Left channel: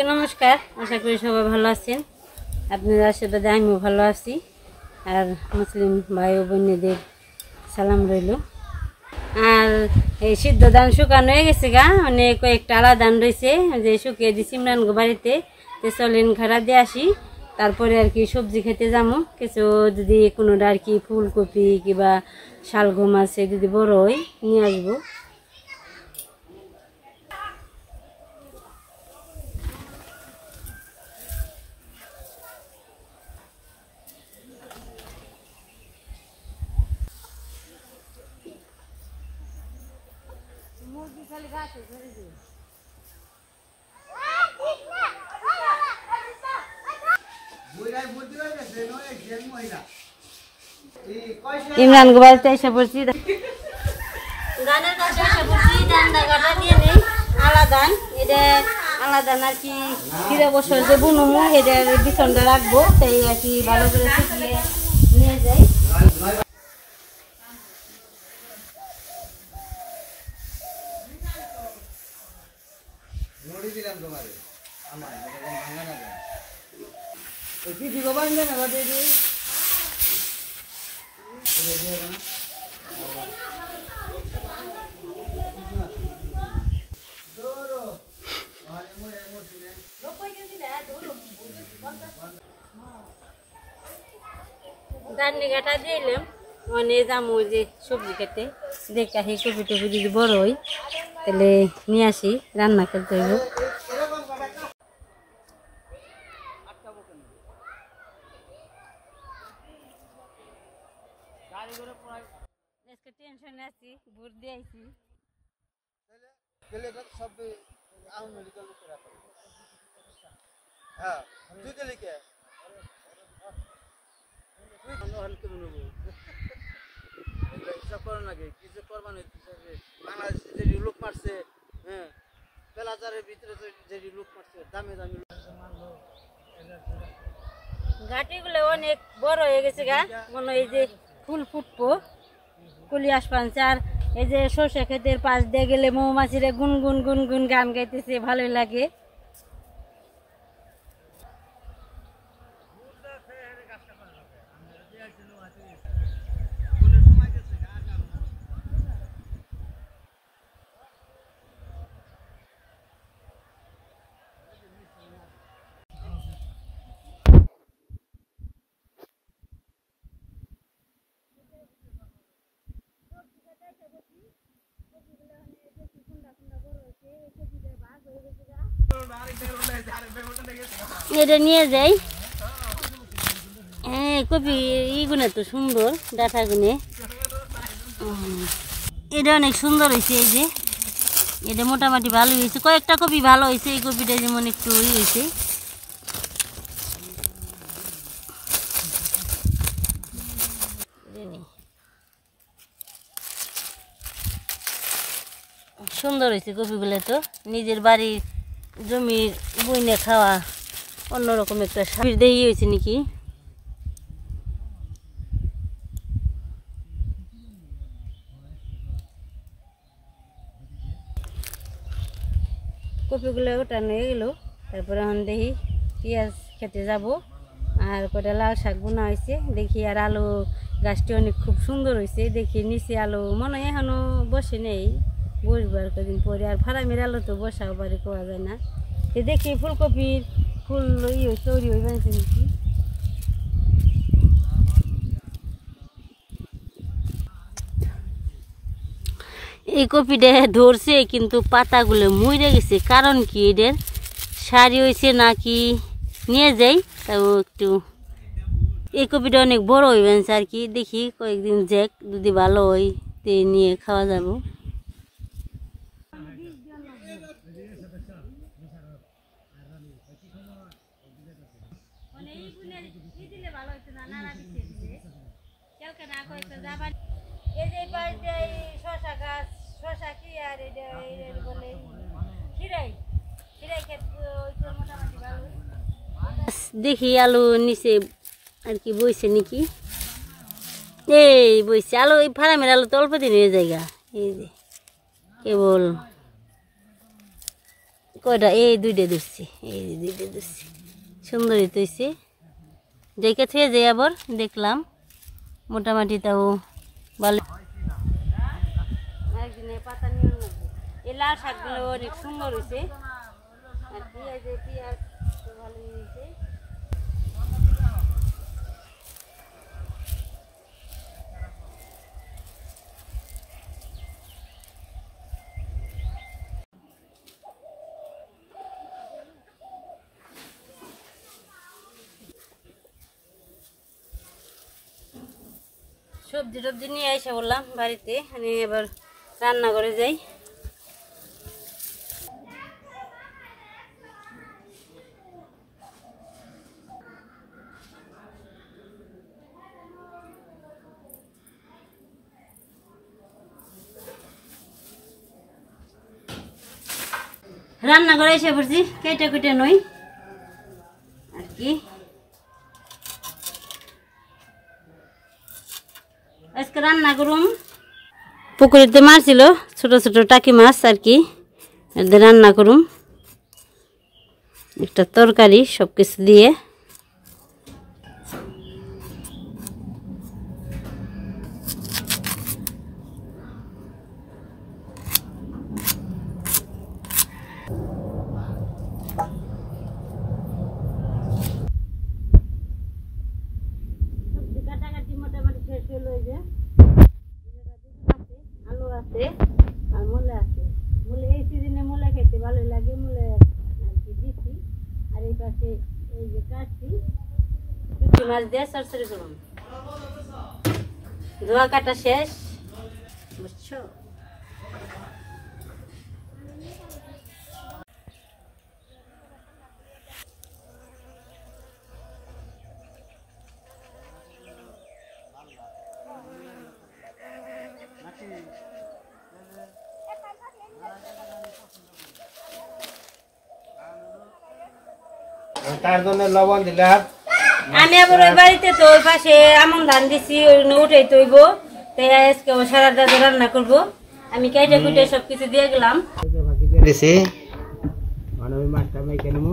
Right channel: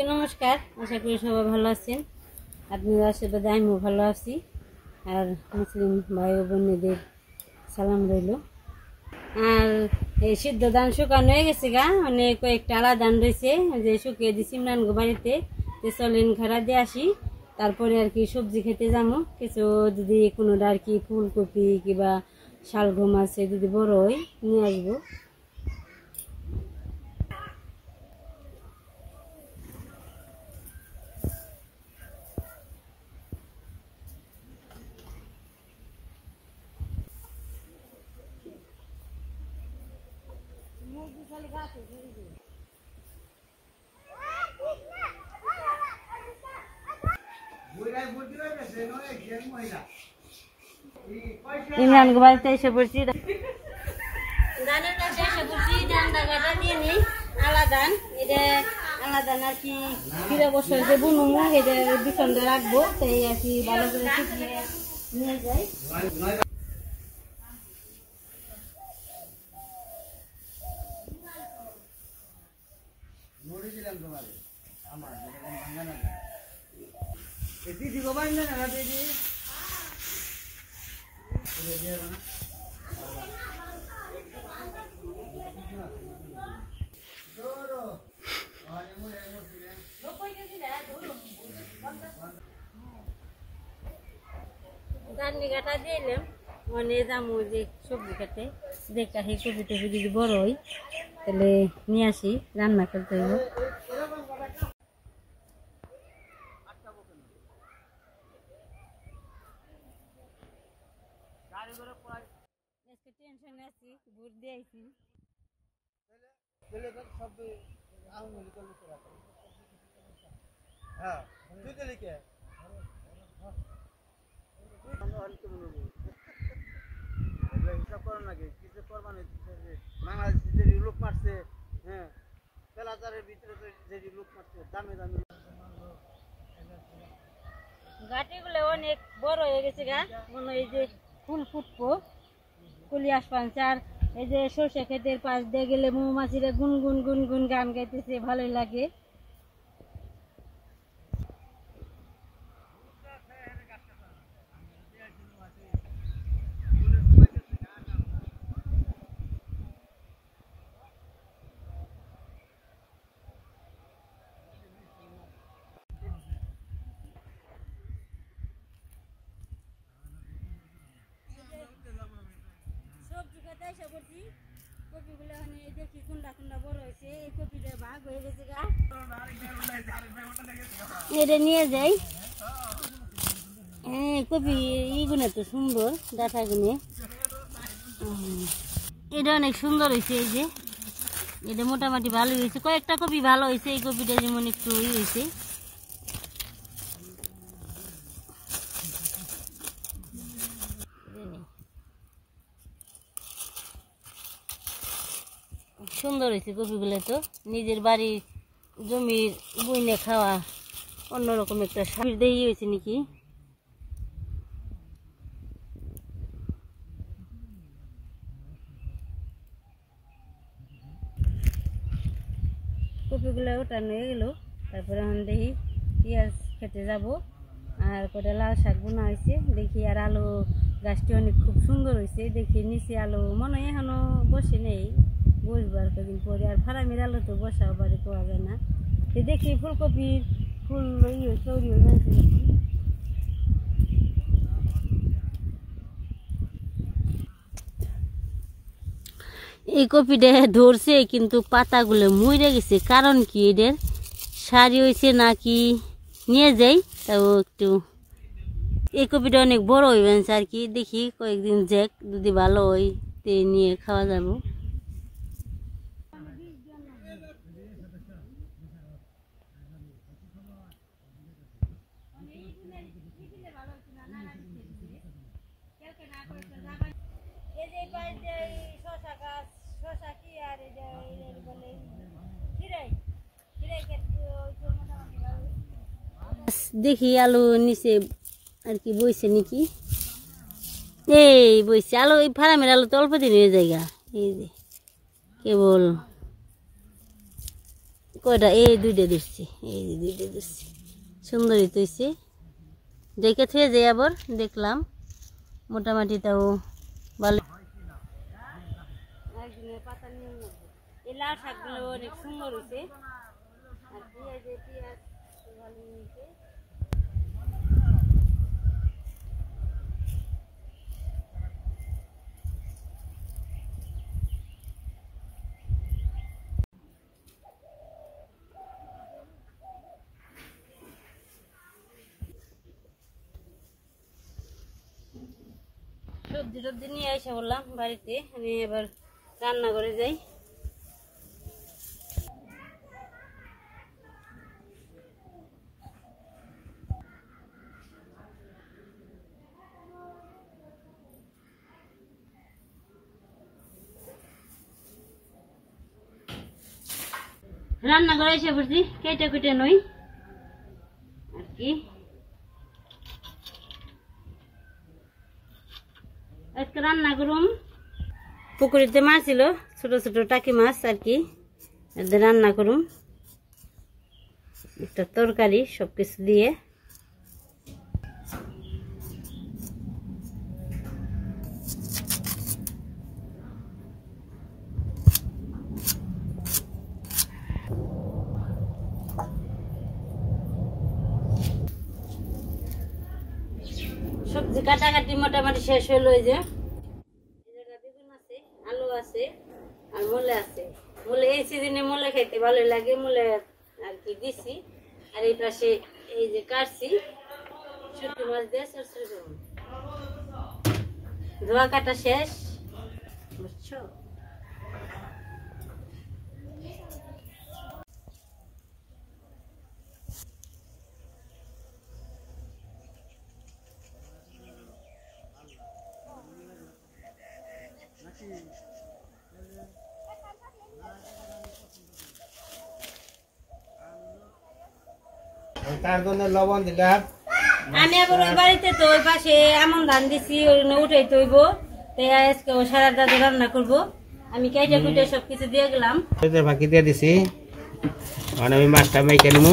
সবাইকে নমস্কার। আশা করি সবাই ভালো আছেন। আপনাদের আশীর্বাদে আমিও ভালো আছি। আর মুসলিম ভাই ও বোনেদের সালাম রইল। আর এই সিদ্ধ ধান শুকানো হয়ে গেছে গা, মানে কয়েকটা আলাদা ধান রয়েছে যে শুকিয়ে দিছি ইমরান গো বাড়িতে। চলেন খাড়া দিয়ে আসি, তারপরে আর কি সবজি খেতে যাবো। কিছু যদি কোনোটা আর কি ফুলকপি কিংবা শালগম আছে যদি বড় হয় নিয়ে আসবো। ইমরান গো বাড়িতে এসে পড়ছি, ধানের কাছে এসে পড়ছি। ধানটা কাটা দিয়ে নেই আলাদা, এটা আলাদা আর কি 3 বছর যে বুনুমু এটার বিছনটা রাখবো, তাই আর কি ভালো করে শুকিয়ে নিয়ে যাই। ধানি কাটা দিলাম, মানে যাবো যে সবজি খেতে। দেখা সেই কপি টপি যদি বড় হয় তাহলে নিয়ে আসি, রান্না করতে হইব। টেনশনে আছি, ভোট দিয়ে আইছি। গাটিগুলো অনেক বড় হয়ে গেছে গা, মনে এই যে ফুল ফুটবো, কুলি আসপানছে। আর এই যে সর্ষে ক্ষেতের পাশ দিয়ে গেলে মৌমাছিরা গুনগুন গুনগুন গান গাইতেছে, ভালোই লাগে। এটা নিয়ে যাই। হ্যাঁ, কপি এইগুলো তো সুন্দর, ডাটা গুনে এটা অনেক সুন্দর হয়েছে। এই যে এটা মোটামুটি ভালো হয়েছে, কয়েকটা কপি ভালো হয়েছে। এই কপিটা যেমন একটু হয়েছে। সুন্দর হয়েছে কপিগুলো, তো নিজের বাড়ির জমির বইনে খাওয়া অন্যরকম একটা স্বাদ দেই হয়েছে নাকি। কপিগুলো ওঠানো হয়ে গেল, তারপরে এখন দেখি পেঁয়াজ খেতে যাব। আর কটা লাল শাক বোনা হয়েছে দেখি। আর আলু গাছটি অনেক খুব সুন্দর হয়েছে দেখি। নিচে আলু মনে হয় এখনো বসে নেই, বসবো আর কদিন পরে। আর ফার্মের আলু তো বসাও বাড়ি পাওয়া যায় না। দেখি ফুলকপির ফুল তৈরি হয়ে গেছে নাকি। এই কপিটা ধরছে কিন্তু পাতাগুলো মরে গেছে, কারণ কি এদের সারি হয়েছে নাকি নিয়ে যাই। তাও একটু এই কপিটা অনেক বড় হয়ে গেছে আর কি। দেখি কয়েকদিন যাক, যদি ভালো হয় তে নিয়ে খাওয়া যাবো। দেখি আলু নিচে আর কি বইছে নাকি। এই বইছে আলু, এই ফার্মের আলু তো অল্প দিন হয়ে যায়। এই যে কেবল কয়টা এই দুইটা ধরছি, এই দুইটা ধরছি, সুন্দরই তৈছে দেখে থেকে যে আবার দেখলাম মোটামুটি তাও ভালো। একদিনে পাতা নিয়ে নেবো, এই লাল শাকগুলো অনেক সুন্দর হয়েছে আর পেঁয়াজ ভালো হয়েছে। সবজি টবজি নিয়ে এসে বললাম বাড়িতে, আমি এবার রান্না করে যাই। রান্না করে এসে পড়ছি, কেটে কুটে নই আর কি। আজকে রান্না করুম, পুকুরেতে মাছ ছিল ছোট ছোট টাকি মাছ আর কি, রান্না করুম একটা তরকারি সব কিছু দিয়ে। সবজি কাটাকাটি মোটামুটি শেষ হলো। ওই যে বেগুন আছে, আলু আছে আর মূলা আছে। মূলা এই সিজনে মূলা খাইতে ভালো লাগে, মূলা আর কি দিছি। আর এই পাশে এই যে কাটছি শুটকি মাছ দিয়ে সরসরি করুন। ধোয়া কাটা শেষ, বুঝছো? তার জন্য লবণ দিলাম। আমি আবার ওই বাড়িতে তো ওই পাশে আমন ধান দিছি, উঠে তৈব তাই আজকে সারা দাদা রান্না করবো। আমি কেটে কুটে সবকিছু দিয়ে গেলাম, বাকি দিয়ে দিছি। আমি মাছটা মেখে নেবো।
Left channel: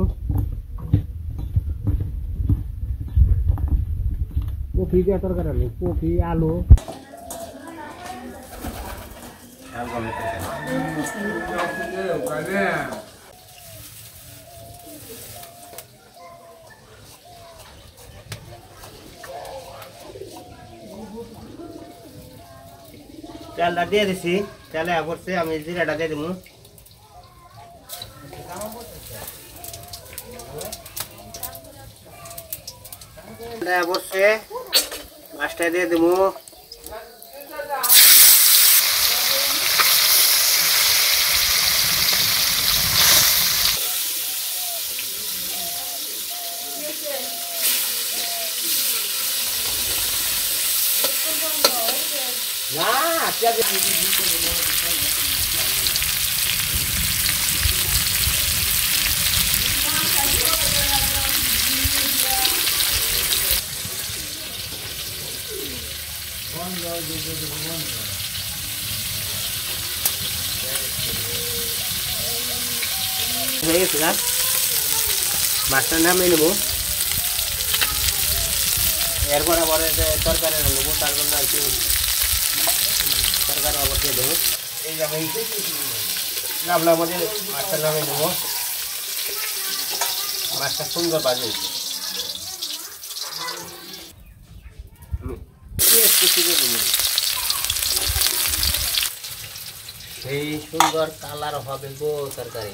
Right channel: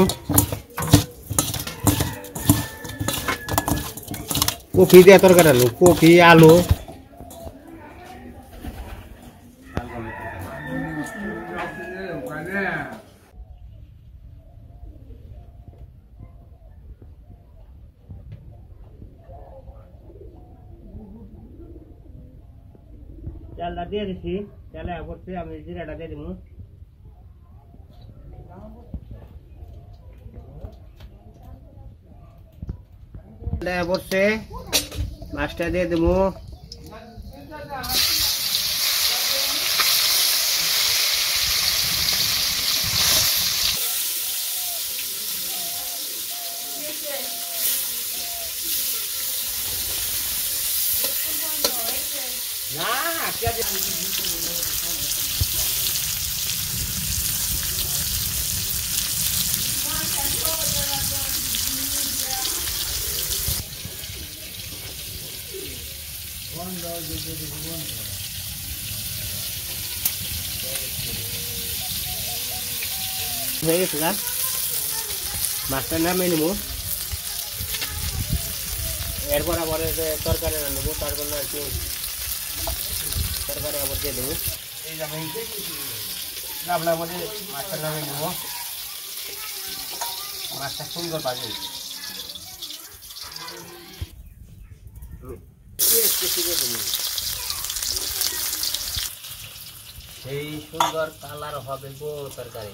কপি দিয়ে তরকারি আলু, কপি আলু তেলটা দিয়ে দিছি। তেলে পড়ছে, আমি জিরাটা দিয়ে দেবো। পড়ছে, মাছটা দিয়ে দেবো। হয়ে গেছে না, মাছটা নামিয়ে নেবো। এরপর আবার তরকারি নেবো, তারপর আর কি তরকারি আবার দিয়ে দেবো। এই আমি গামলার মধ্যে মাছটা নামিয়ে নেবো। মাছটা সুন্দর বাজে, সেই সুন্দর কালার হবে গো তরকারি।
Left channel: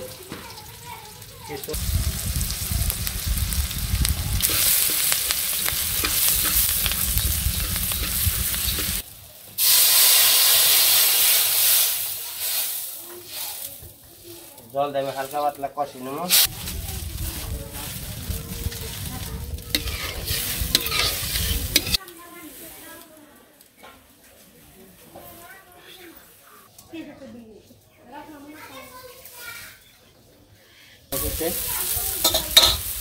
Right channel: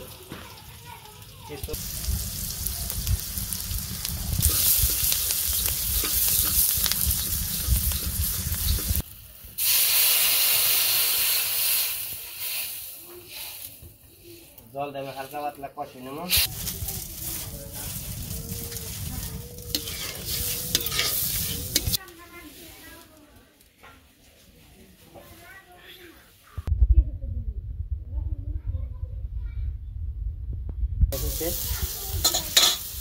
জল দেবে হালকা পাতলা কষি নেব।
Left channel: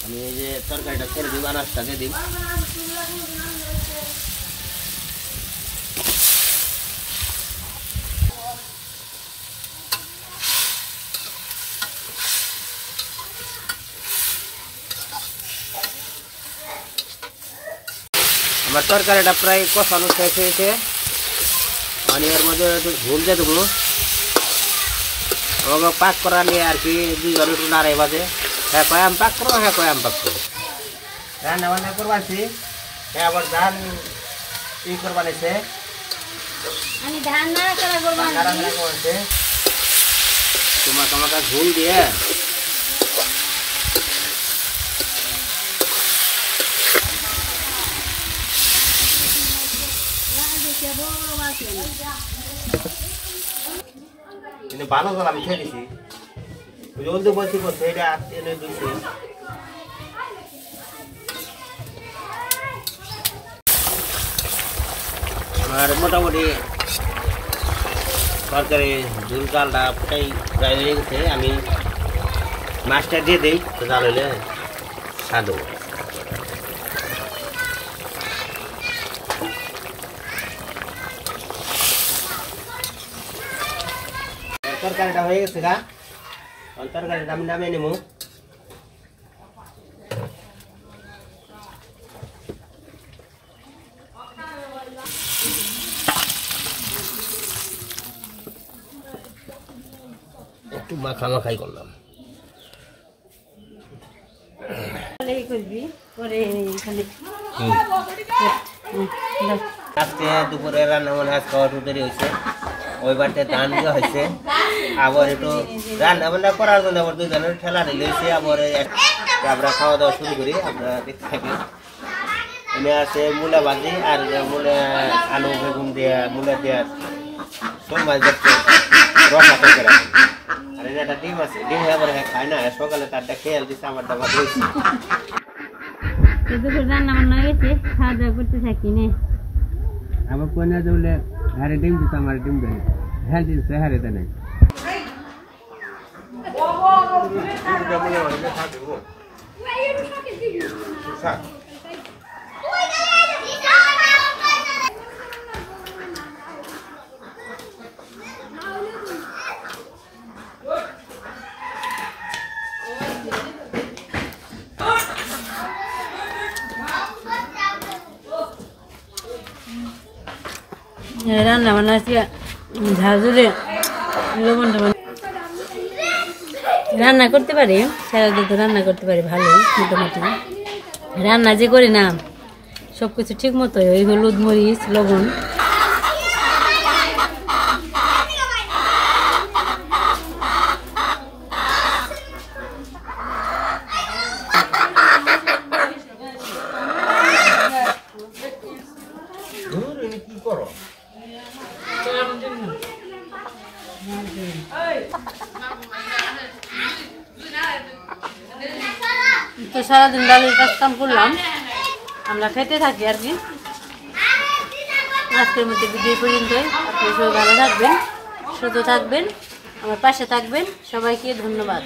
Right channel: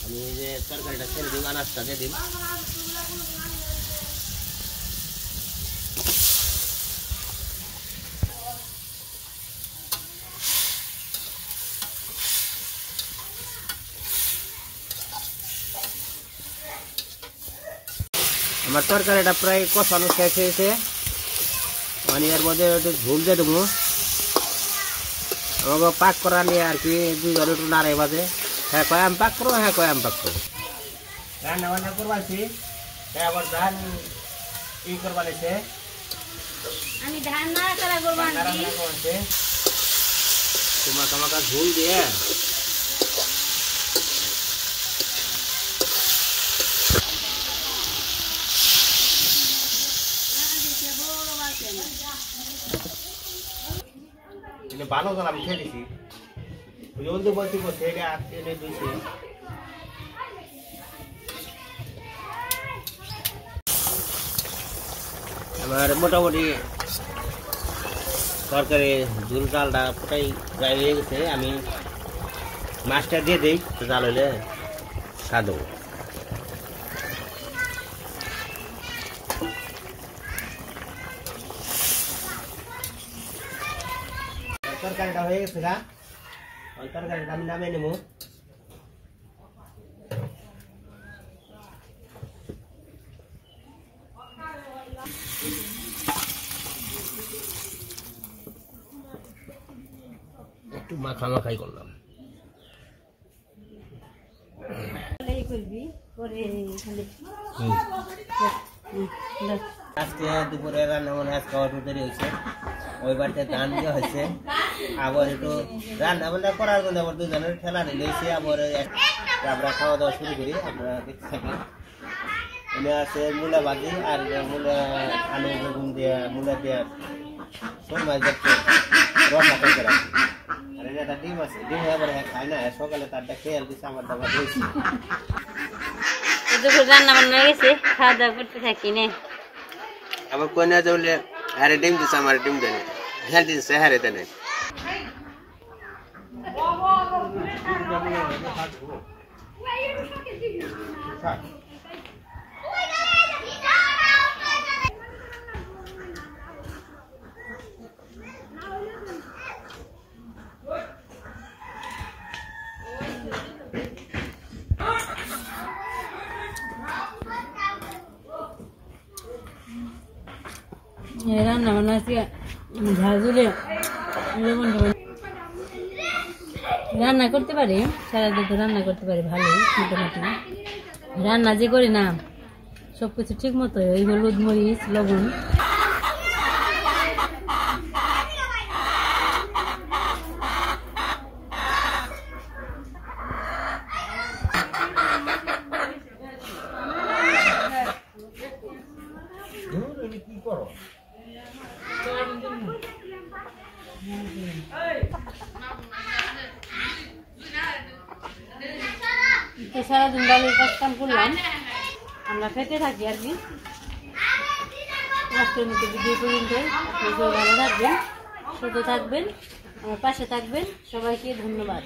আমি এই যে তরকারিটা ছেড়ে দিব, আনাজটা দিয়ে দিব। আমার তরকারিটা প্রায় কষানো শেষ হয়েছে। মানে এর মধ্যে একটু ঝোল দিয়ে দেবো। ওকে পাক করা নিয়ে আর কি দুজন একটু নাড়ে বাজে। হ্যাঁ কয় আম পাক করো, হ্যাঁ কয় আম পাক করো। রান্না বান্না করবাছি। হ্যাঁ আবার ধান ই করবানিছে। আমি ধান নাড়া করা করবো রান্না করছে তোমাকা ঝোল দিয়ে ভালো জল আমি খেয়ে দিছি। জলদি বলছি বলছে এটা এনে দিয়েছি। আমার মোটামুটি তরকারি ঝুল ডালটা পুটাই প্রায় হয়ে গেছে। আমি মাছটা দিয়ে দিই, তো জাল হইলে খাদো। তরকারিটা হয়ে গেছে গা, তরকারিটা আমি নামিয়ে নেবো। একটু মাখাই করলাম। করবি পরে খালি আজকে দুপুরে রান্না মানে আজ খাওয়া দেরি হয়েছে। ওই বাড়িতে ধান দেওয়া হয়েছে। আবার একটু রান্না বান্না করার জন্য আবার দুজনের ঠেলা ঢেলে হয়েছে। আবার আমরা খাওয়া দাওয়া শুরু করি, আপনারা দেখতে থাকি। এনে আছে মূলা ভাজি আর মূলা আলু বেগুন দেওয়া, মূলা দেওয়ার শোল মাছ দেখতে রসা করে। আর এনে একটা ডিম আছে, ডিম আবার খায় না। সকালে তারটা খেয়াল দিচ্ছে, আমার দাবার রয়েছে। দুপুর রান্না বান্না গেছে, খাওয়া দাওয়া করতে থাকি নে। আবার কোনে যাবলে হারে ডিম দিছে, আমার ডিম দেয় হেল দিছে, হারে দেয় না। রান্না বান্না ঝাঁঝুলে লবণ টবণ রান্না করতে পারি, সারাদিন তো রান্না করতে পারি ভালোই মোটামুটি। রান্না যে করি না সব কিছু ঠিক মতো ওই হলুদ মরিচ লবণ কি করো তো সারাদিন ডালের কাজ কাম করলাম, আমরা খেতে থাকি আর কি। আজকের মধ্যে ভিডিও পর্যন্তই। আপনি সবাই ভালো থাকবেন, সুস্থ থাকবেন, আমার পাশে থাকবেন। সবাইকে ধন্যবাদ।